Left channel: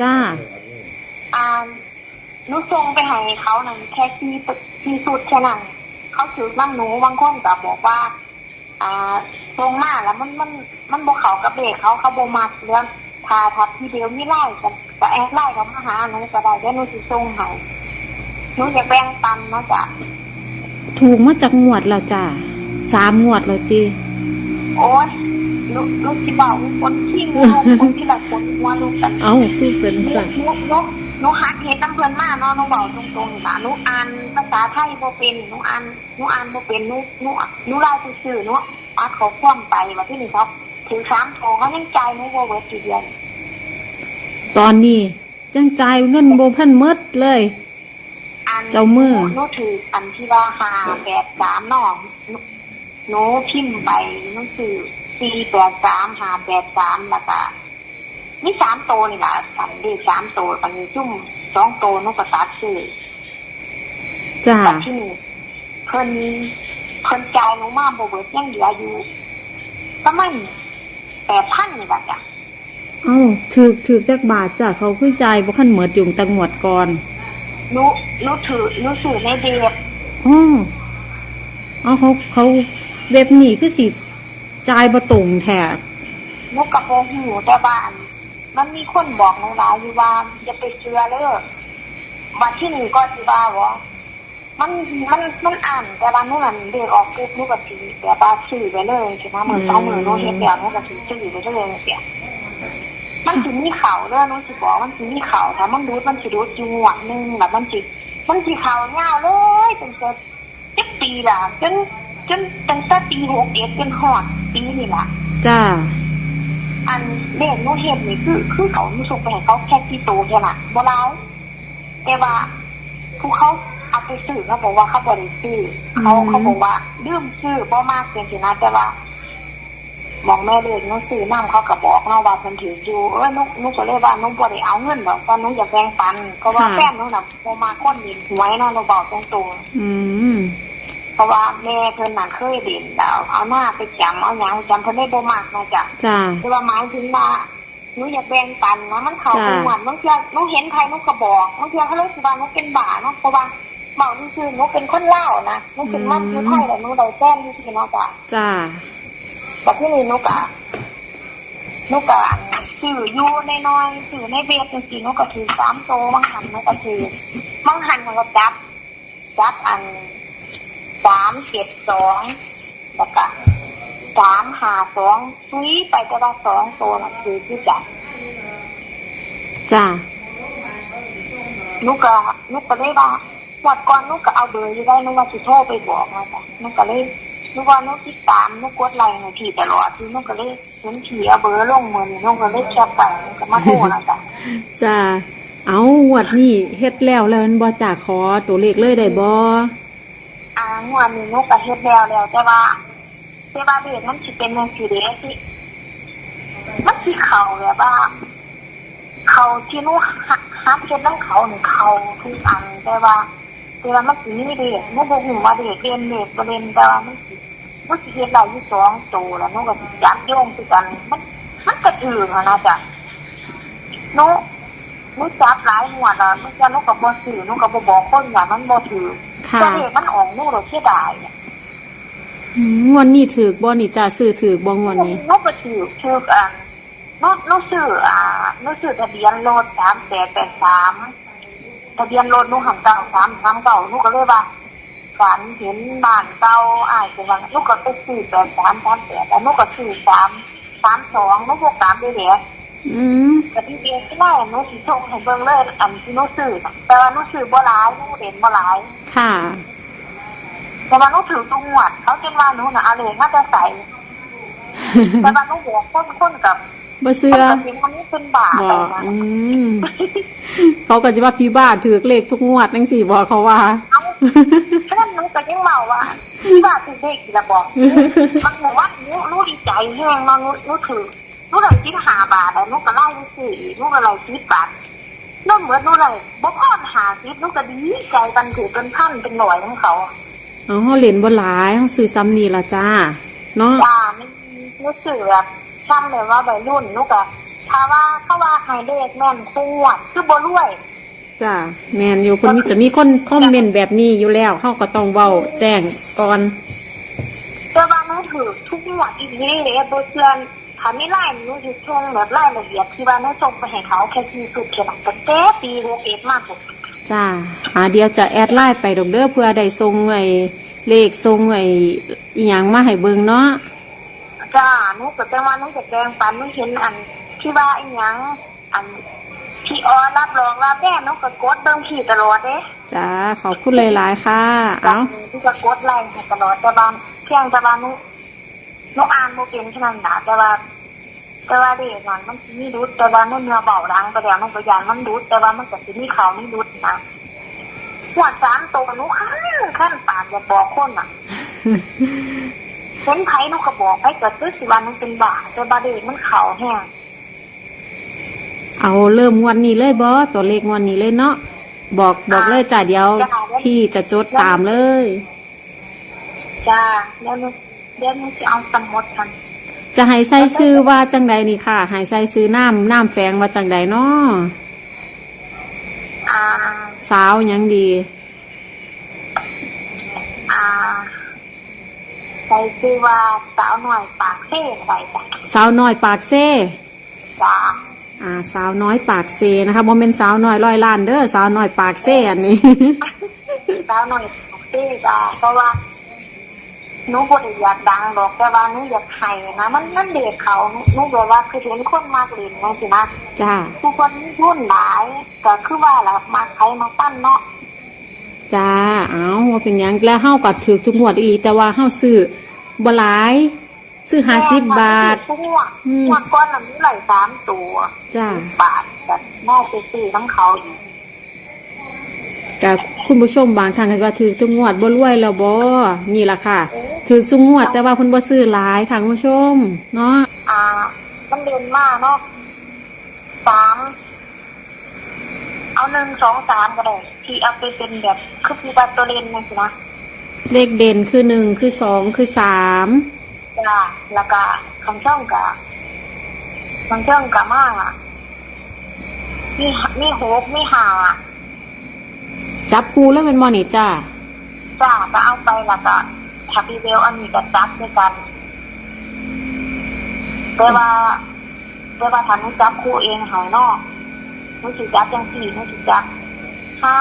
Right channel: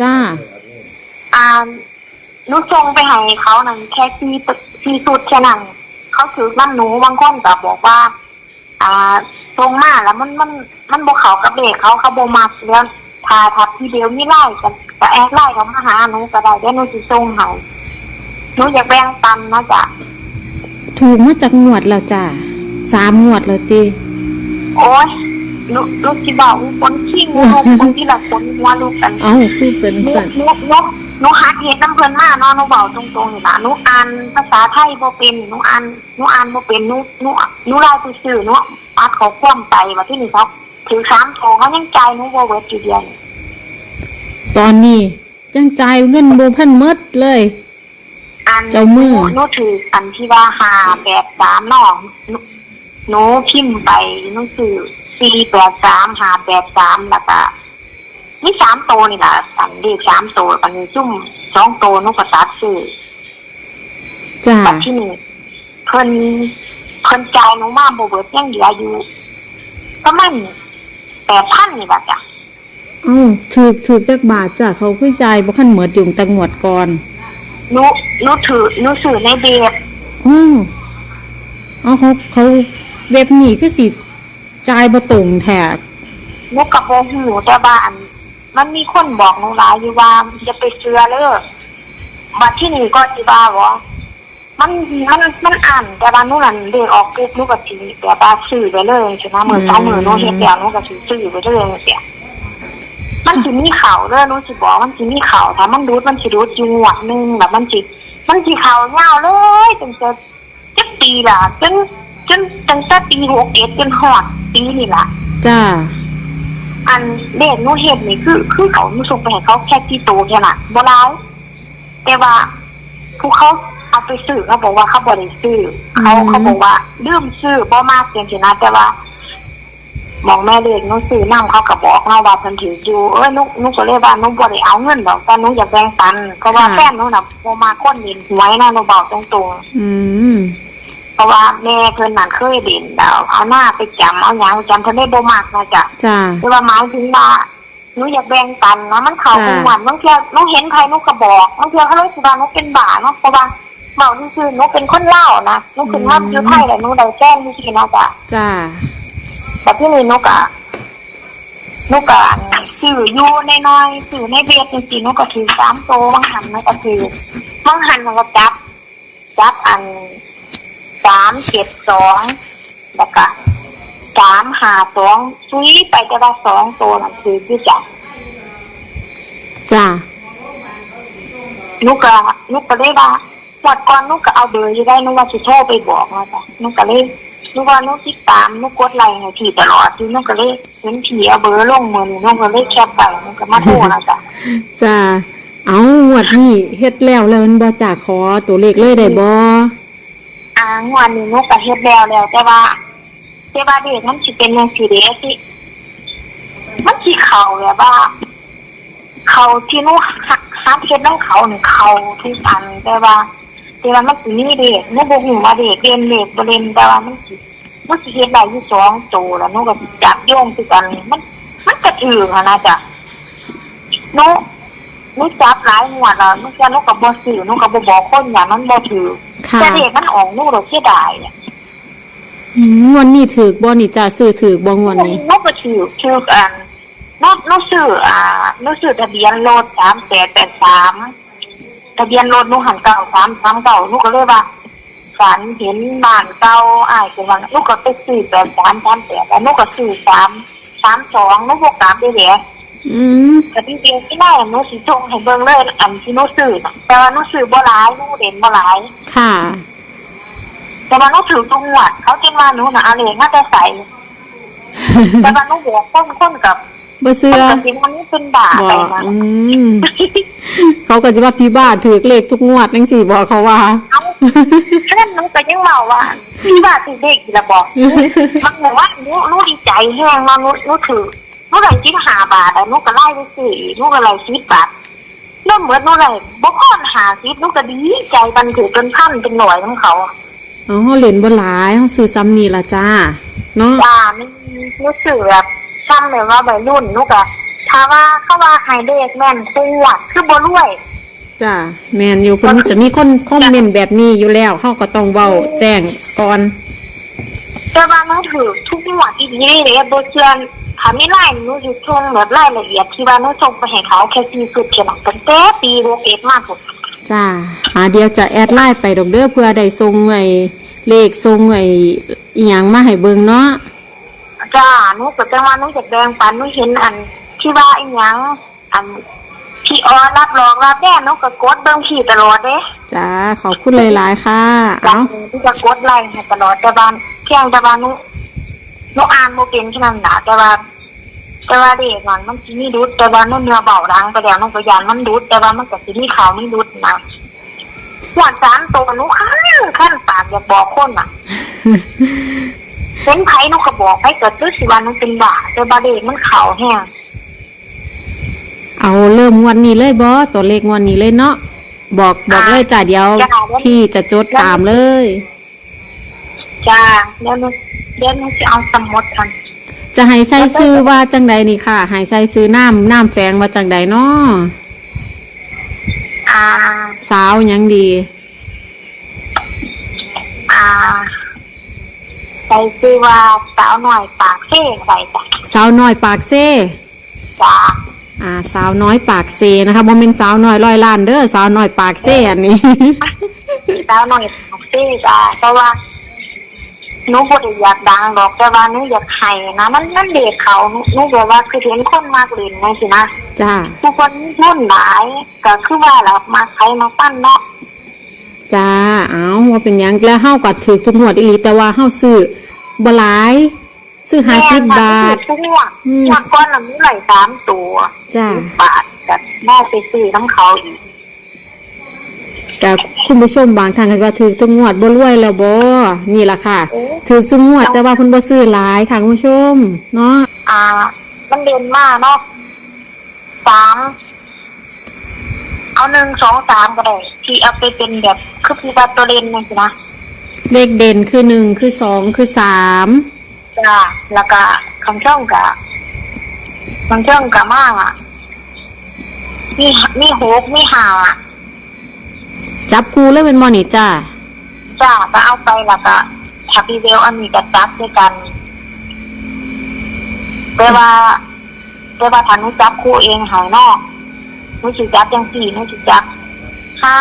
จ้าอ่าหนูส่งไปให้เขานั่นแค่ที่ที่สุดแค่นั้นเขาถือน้ำหนูบางคนก็บอกว่า อ่าส่งมาแล้วมันมันมันบกเขากับเด็กเขาเขาโบมักแล้วพาทับที่เดียวนี่ไล่กันก็แอดไล่เขามาหาหนูก็ได้เดี๋ยวหนูสิส่งให้หนูอยากแบ่งปันนะจ๊ะถูกมาจากงวดแล้วจ้าสามงวดแล้วตีโอ้ย ลูกลูกที่บอกว่าคนขี้งูคนที่แบบคนว่าลูกกันเอ้าคือเป็นหนูสัตว์หนูหนูหนูหัดเฮ็ดน้ำเพิ่นมาเนาะหนูบอกตรงๆนี่ล่ะหนูอ่านภาษาไทยบ่เป็นหนูอ่านหนูอ่านบ่เป็นหนูหนูหนูลายซื่อๆหนูอัดเขาคว่ำไปว่าที่นี่ครับถือสามทองเขายังใจายหนูบ่เบิดอยู่เดียวนี่ตอนนี้ยังจ่ายเงินโบเพิ่นหมดเลยอันเจ้ามือหนูหนูถืออันที่ว่าหาแบบสามเนาะหนูหนูพิมพ์ไปหนูซื้อ สี่แปดสามหาแปดสามแล้วก็นี่สามโตวนี่ล่ะอันเด็กสามโตวอันนี้ซุ่มสองโตวหนูก็ตัดซื้อจ้าบัดที่นี่เพิ่นเพิ่นจ่ายหนูมาบ่เบิดยังเหลืออยู่ประมาณแปดพันนี่ล่ะจ้ะเอ้าถูกถูกจักบาทจ้าเขาคือจ่ายบ่คันเหมือดอยู่แต่งวดก่อนหนูหนูถือหนูซื้อในเบบอ้อเอาเขาเขาเว็บนี้คือสิ จ่ายบ่ตรงแท้หนูกับโบหูแต่ว่าอัน มันมีคนบอกหนูหลายอยู่ว่าจะไปเชื่อเลยบัดที่นี่ก็สิว่าบ่มันมันมันอ่านแต่ว่าหนูนั่นเด็กออกปุ๊บหนูก็สิแบบว่าซื้อไปเลยใช่ไหมมือสองมือหนูเฮ็ดแล้วหนูก็สิซื้อไปเลยเสียมันสิมีข่าวเด้อหนูสิบอกมันสิมีข่าวถ้ามันดูดมันสิดูดอยู่งวดหนึงแบบมันสิมันสิข่าวยาวเลยจนจะจะปีล่ะจนจนตั้งแต่ปี61จนฮอด ปีนี่ล่ะจ้าอันเด็กหนูเห็นนี่คือ คือเขาหนูส่งไปให้เขาแค่ที่โตแค่นั้นบ่ร้ายแต่ว่าผู้เขาเอาไปซื้อเขาบอกว่าเขาบ่ได้ซื้อเขาอืมเขาบอกว่าลืมซื้อบ่มากเพียงแค่นั้นแต่ว่าหมองแม่เด็กหนูซื้อนํเขาก็บอกเนาะว่าเพิ่นถืออยู่เอ้ยหนูหนูก็เลยว่าหนูบ่ได้เอาเงินดอกแต่หนูอยากแบ่งปันเพราะว่าแฟนหนูน่ะบ่มาคนเห็นหวยเนาะหนูบอกตรงๆอืม เพราะว่าแม่เพิ่นนั่นเคยเด่นดาวเอาหน้าไปจำเอาหยังจำเพิ่นได้บ่มากนะจ๊ะจ้าคือว่าหมายถึงว่าหนูอยากแบ่งปันเนาะมันเข้าค่ะเป็นหวันบางเทีหนูเห็นใครหนูก็บอกบางทีเขาเลยคิดว่าหนูเป็นบ้าเนาะเพราะว่าเมานี่คือหนูเป็นคนเล่าวนะหนูขึ้นมาอยู่ไทยแล้วหนูได้แจ้งที่สินะจ๊ะ จ้า แต่ที่นี่หนูก็หนูก็ซื้ออยู่น้อยๆซื้อในเบียร์จริงๆหนูก็ถือสามโตบางหันหนูก็ถือบางหันมันก็จับ จับอัน สามเจ็ดสองแล้วก็สามหาสองซุยไปแต่ว่าสองตัวนั่นคือคือจับจ้านุกก็นุกก็เลยว่าวัดก่อนนุกก็เอาเบอร์อยู่ได้นุกว่าสิโทรไปบอกนะจ๊ะนุกก็เลยนุกว่านุกติดตามนุกกดไลค์ให้พี่ตลอดที่นุกก็เลยเห็นพี่เอาเบอร์ลงมือนี่นุกก็เลยแคปไปนุกก็มาโทรนะจ๊ะจ้าเอางวดนี้เฮ็ดแล้วแล้วมันบ่จ้าขอตัวเลขเลยได้บ่ อ่างวดนี้นุกก็เฮ็ดแล้วแล้ว แต่ว่าแต่ว่าเด็กมันสิเป็นยังสิเด้ที่มันสิเขาแบบว่า เขาที่นุกหักเฮ็ดน้ำเขานี่เขาทุกอันแต่ว่าแต่ว่ามันสิมีเด็กนุกบ่ฮู้ว่าเด็กเรียนเด็กบ่เรียนแต่ว่ามันสิมันสิเฮ็ดได้อยู่สองโตแล้วนุกก็จับโยงคือกันมันมันก็ถือหั้นนะจ๊ะนุก นุกจับหลายหัวแล้วนุกจะนุกก็บ่ซื้อนุกก็บ่บอกคนว่ามันบ่ถือค่ะแต่เด็กมันออกนุกเราเสียดายเนี่ยอืมงวันนี้ถือบ่นี่จ้าซื้อถือบ่งวันนี้นุกก็ถือถืออันนุกนุกซื้ออ่านุกซื้อทะเบียนรถ3883ทะเบียนรถนุกหันเก่า339นุกก็เลยว่าฝันเห็นบ้านเก่าอ้ายก็ว่านุกก็ไปซื้อ8338แล้วนุกก็ซื้อ3 32นุกบ่กลับได้แหละ อืมก็จริงๆที่ได้หนูสิส่งให้เบิ่งเลยอันที่หนูซื้อน่ะแต่ว่าหนูซื้อบ่หลายหนูเด่นบ่หลาย ค่ะ แต่ว่าหนูถือตรงหวัดเขาจนว่าหนูน่ะเอาเลขมาแต่ใส่แต่ว่าหนูบอกคนคนกับบ่เชื่อคนกับสิมันนี่เป็นบาบไปอกนะอืมเขาก็จะว่าพี่บ้าถือเลขทุกงวดจังซี่บอกเขาว่า เอาแค่นั้นหนูก็ยังเมาว่าที่บ้านถือเลขอีกและบอกมันเหมือนว่าหนูหนูดีใจแห้งเนาะหนูหนูถือ หนูได้สิบห้าบาทแล้วหนูก็ไล่ไปซื้ออีกหนูก็ไล่สิบบาทเริ่มเหมือนหนูไล่บ่พอนหาสิบหนูก็ดีใจกันถือเป็นพันเป็นหน่วยของเขาอะอ๋อเล่นบ่หลายเฮาซื้อซ้ำนี่ล่ะจ้าเนาะจ้าไม่รู้สึกแบบช่ำเลยว่าวัยรุ่นลูกอะทถ้าว่าเขาว่าไฮเดกแม่นปวดคือบ่รวยจ้าแมนอยู่คนจะมีคนคอมเมนต์แบบนี้อยู่แล้วเขาก็ต้องเว้าแจ้งก่อน แต่ว่าหนูถือทุกหมวดอีกนี่เลยโดยเชื่อถ้าไม่ไล่หนูจะส่งแบบรายละเอียดที่ว่าหนูส่งไปให้เขาแค่สี่สุดเขียนตั้งแต่ปีโรเอสมากสุดจ้าอ่าเดี๋ยวจะแอดไลน์ไปดอกเด้อเพื่อได้ส่งไอ้เลขส่งไอ้อีหยังมาให้เบิ่งเนาะจ้าหนูก็จะว่าหนูจะแบ่งปันหนูเห็นอัน ที่ว่าอีหยังอันพี่ออรับรองรับแน่หนูก็กดเบิ่งขี่ตลอดเด้ จ้าขอบคุณหลายๆค่ะจาเอากที่จะกดไลค์ให้ตลอดแต่ว่าเพียงแต่ว่าหนูหนูอ่านโมเป็นแค่นั้นนะแต่ว่า แต่ว่าเด็กมันมันสิมีดุดแต่ว่าหนูเนื้อเบาดังไปแล้วหนูก็ยานมันดุดแต่ว่ามันก็สิมีเขาไม่ดุดนะหัวสามตัวหนูขั้นขั้นปากอยากบอกคนอะเป็นไผหนูก็บอกไปเกิดด้วยสิวันหนูเป็นบ้าแต่บาเด็กมันเขาแห้งเอาเริ่มงวันนี้เลยบอตัวเลขงวันนี้เลยเนาะบอกบอกเลยจ้าเดี๋ยวพี่จะจดตามเลยจ้าเดี๋ยวหนูเดี๋ยวหนูจะเอาสมุดกัน จะให้ใส่ซื้อว่าจังใดนี่ค่ะให้ใส่ซื้อน้ำน้ำแฝงว่าจังใดเนาะอ่าสาวหยังดี อ่าใส่ชื่อว่าสาวหน่อยปากเซ่ใส่จ้ะสาวน้อยปากเซ่จ้าอ่า สาวน้อยปากเซนะคะบ่เป็นสาวน้อยร้อยล้านเด้อสาวน้อยปากเซ่อันนี้ สาวหน่อยปากเซ่จ้าเพราะว่า หนูบ่ได้อยากดังหรอกแต่ว่าหนูอยากให้นะมันมันเด็กเขาหนูแบบว่าคือเห็นคนมากเล่นไงสินะจ้าทุกคนมีทุนหลายก็คือว่าเรามาใช้มาปั้นเนาะจ้าเอาว่าเป็นหยังแล้วเฮาก็ถือทุกงวดอีหลีแต่ว่าเฮาซื้อบ่หลาย ซื้อ50บาททุกหัวอืมจากก้อนละมีหลายสามตัวจ้า บาทกับแม่ไปซื้อน้ำเขาอีก กับคุณผู้ชมบางท่านก็ว่าถือทุกงวดบ่รวยแล้วบ่นี่ล่ะค่ะถือทุกงวดแต่ว่าเพิ่นบ่ซื้อหลายค่ะคุณผู้ชมเนาะอ่า มันเด่นมากเนาะสามเอาหนึ่งสองสามก็ได้ที่เอาไปเป็นแบบคือพี่ว่าตัวเด่นนี่สินะเลขเด่นคือหนึ่งคือสองคือสามจ้าแล้วก็คำช่องกับคำช่องกับมากอะมีมีหกมีห้าอะ จับคูเลยเป็นบ่นี่จ้าจ้าก็เอาไปแล้วก็แฮปปี้เวลอันนี้ก็จับด้วยกันแต่ว่าแต่ว่าถ้าหนุจับคู่เองหายนอกหนุสิจับจังสี่หนุสิจับห้า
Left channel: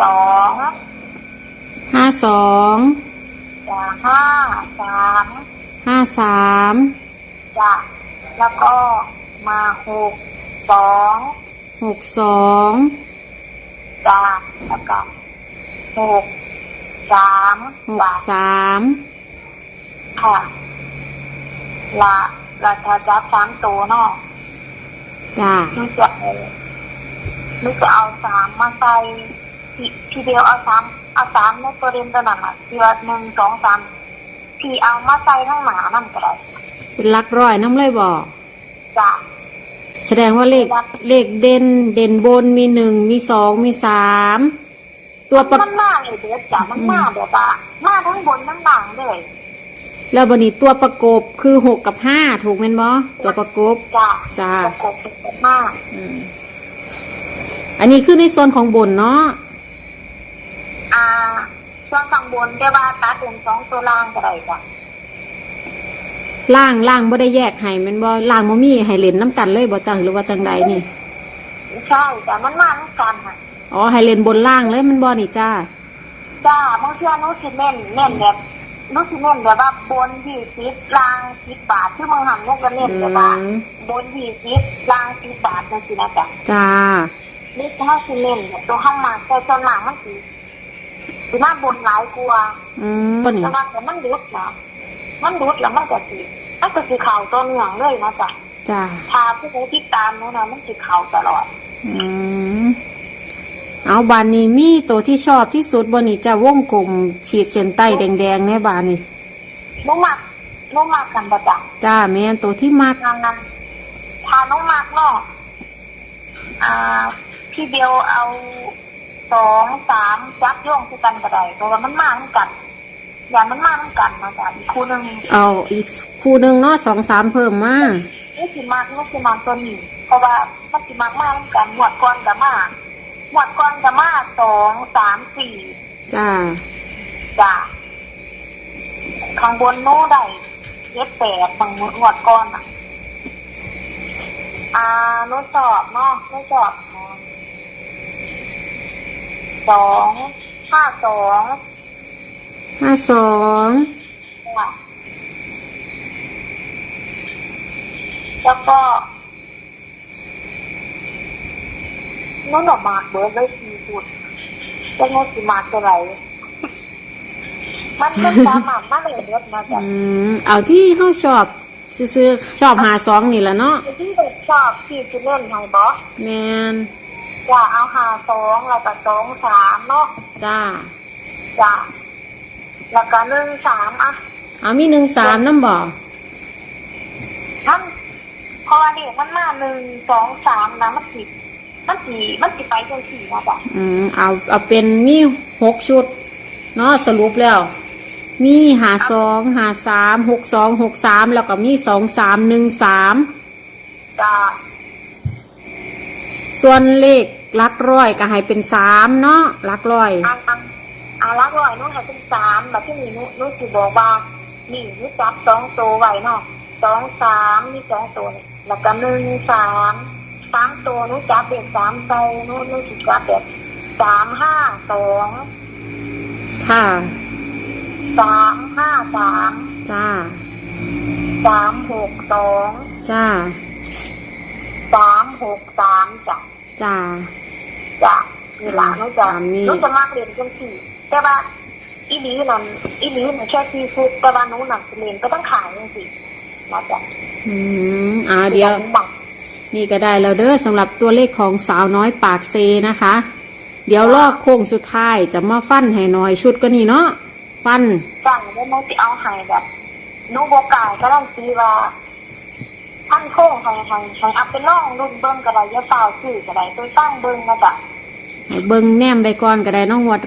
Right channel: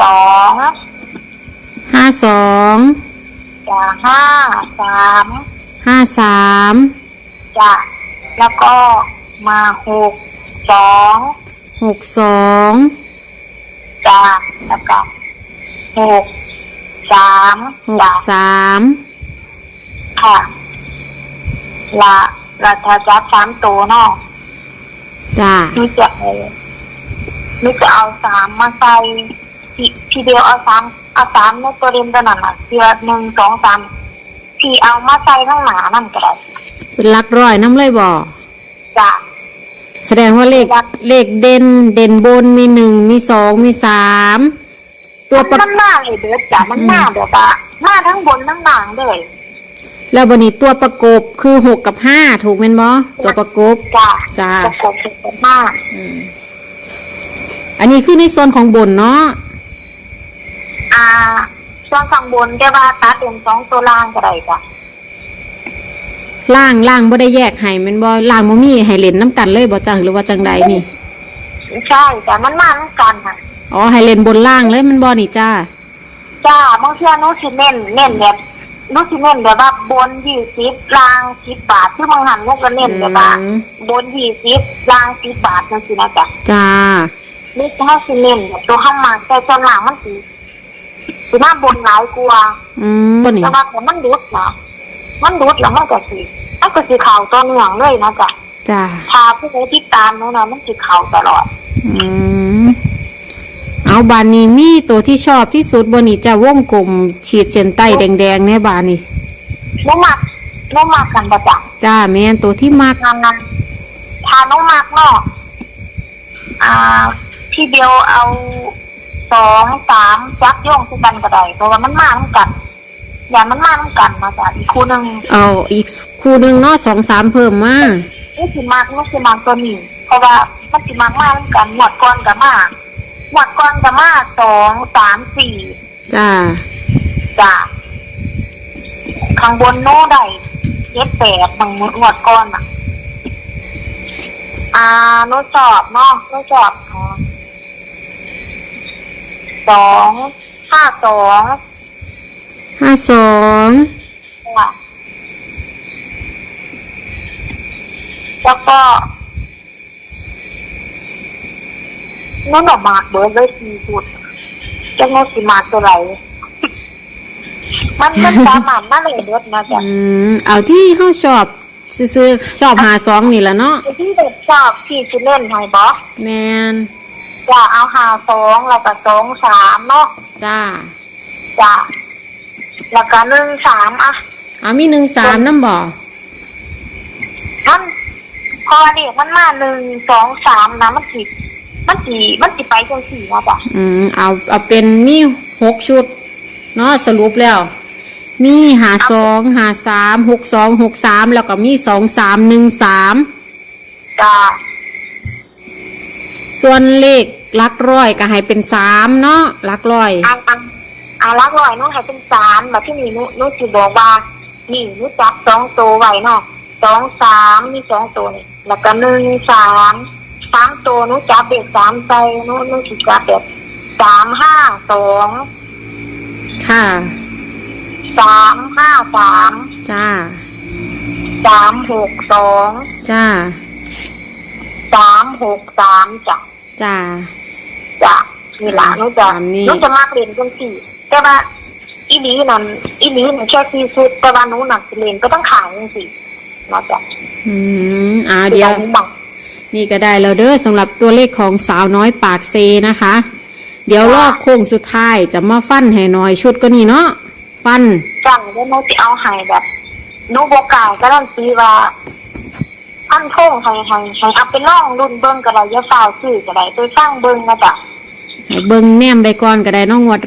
สองห้าสองจ้าห้าสามห้าสามจ้าแล้วก็มาหกสองหกสอง จ้าแล้วก็หกสามหกจ้าสามค่ะละละถ้าจับสามตัวเนาะจ้านี่จะเอานี่จะเอาสามมาใส่ทีทีเดียวเอาสามเอาสามในตัวเรียนตัวนั้นอะทีละหนึ่งสองสามที่เอามาใส่ข้างหน้านั่นก็ได้เป็นหลักร้อยน้ำเลยบ่จ้ะ แสดงว่าเลขเลขเด่นเด่นบนมีหนึ่งมีสองมีสามตัวประมันหน้าเลยเด้อจ้ะมันหน้าแบบว่าหน้าทั้งบนทั้งหลังเลยแล้วบันนี้ตัวประกบคือหกกับห้าถูกไหมนบ่ตัวประกบ จ้ะจ้าประกบสุดมากอืมอันนี้คือในโซนของบนเนาะอ่าช่วงข้างบนแต่ว่าตัดเป็นสองตัวล่างก็ได้จ้ะ ล่างล่างบ่ได้แยกให้แมันบ่ล่างบ่มีให้เล่นน้ำกันเลยบ่จังหรือว่าจังใดนี่ ใช่แต่มันมาเหมือนกันค่ะอ๋อให้เล่นบนล่างเลยแมันบ่นี่จ้า จ้าบางทีหนูสิเน้นเน้นแบบหนูสิเน้นแบบว่าบนยี่สิบล่างสิบบาทที่บางหันหนูก็เน้นแบบว่าอืม บนยี่สิบล่างสิบบาทนั่นสินะจ๊ะจ้า นี่ถ้าสิเน้นแบบตัวข้างมาแต่ส่วนหลังมันสิสิมาบนหลายกว่าอืมบ่นี่แต่ว่าแต่มันดุดนะ มันดุดแล้วมันก็สิมันก็สิเข่าตัวเหนืองเลยนะจ๊ะจ้าพาผู้ใดที่ตามหนูนะมันสิเข่าตลอด อืมเอาบานนี้มีตัวที่ชอบที่สุดบ่นี่จ้าวงกลมขีดเส้นใต้แดงๆเนี่ยบานนี้หนูมักหนูมักกันประจำจ้าแม่นตัวที่มักงานนั้นทาน้องมากเนาะอ่า พี่เดียวเอาสองสามจักย่องคือกันก็ได้เพราะว่ามันมาเหมือนกัน อย่างมันมาเหมือนกันมาจากอีกคู่หนึ่งเอาอีกคู่หนึงเนาะสองสามเพิ่มมานี่สิมากนี่สิมากตัวนี้ เพราะว่ามันสิมากมากกันหมวดก้อนกับมาหมวดก้อนกับมาสองสามสี่จ้าจ้ะข้างบนโน้ได้เย็ดแปดบางหมวดก้อนอะอ่าโน้ตสอบเนาะโน้ตสอบอ๋อสองห้าสอง ห้าสองค่ะแล้วก็นั่นออกมาเบิร์ดเลยสีพูดจะงดสีมาตัวไหนมันมันสามารถมาเลยเบิร์ดนะจ๊ะอืมเอาที่เฮาชอบซื้อๆชอบหาสองนี่ละเนาะที่เด็กชอบพี่จะเล่นไฮบอสแมนจะเอาหาสองแล้วก็สองสามเนาะจ้าจ้ะ แล้วก็หนึ่งสามอะเอามีหนึ่งสามน้ำบ่มันพอเนี่ยมันมาหนึ่งสองสามนะมันสิมันสีมันสิไปจังสี่นะจ๊ะอืมเอาเอาเป็นมีหกชุดเนาะสรุปแล้ว มีหาสองหาสามหกสองหกสามแล้วก็มีสองสามหนึ่งสามจ้ะส่วนเลขหลักร้อยก็ให้เป็นสามเนาะหลักร้อยเอาเอาเอาละหน่อยนู้นให้เป็นสามแบบที่นี่นู้นนู้นสิบอกว่านี่นู้นจับสองตัวไว้เนาะสองสามมีสองตัวนี่แล้วก็หนึ่งสามสามตัวนู้นจับเด็กสามใจนู้นนู้นสิจับแบบสามห้าสองค่ะสามห้าสามจ้าสามหกสองจ้าสามหกสามจ้ะจ้าจ้ะนี่ละนู้นจะตามนี้นู้นจะมาเรียนจังสี่ แต่ว่าอีนี้นั่นอีนี้มันแค่ที่สุดแต่ว่านู้นหนักเรียนก็ต้องขายจังสี่เนาะจ้ะอืมอ่าเดี๋ยวบอกนี่ก็ได้แล้วเด้อสำหรับตัวเลขของสาวน้อยปากเซนะคะ เดี๋ยวลอกโค้งสุดท้ายจะมาฟันให้หน่อยชุดก็นี่เนาะฟันจังได้โน้ตจะเอาใหายแบบนู้บอกกล่าวก็ต้องตีว่าอันโค้งให้ให้ให้เอาไปล่องรุ่นเบิ้งก็ได้อยาฝ่าวซื้อก็ได้ไปฟังเบิ้งนะจ๊ะให้เบิ่งแนมไปก่อนก็ได้เน้องงวด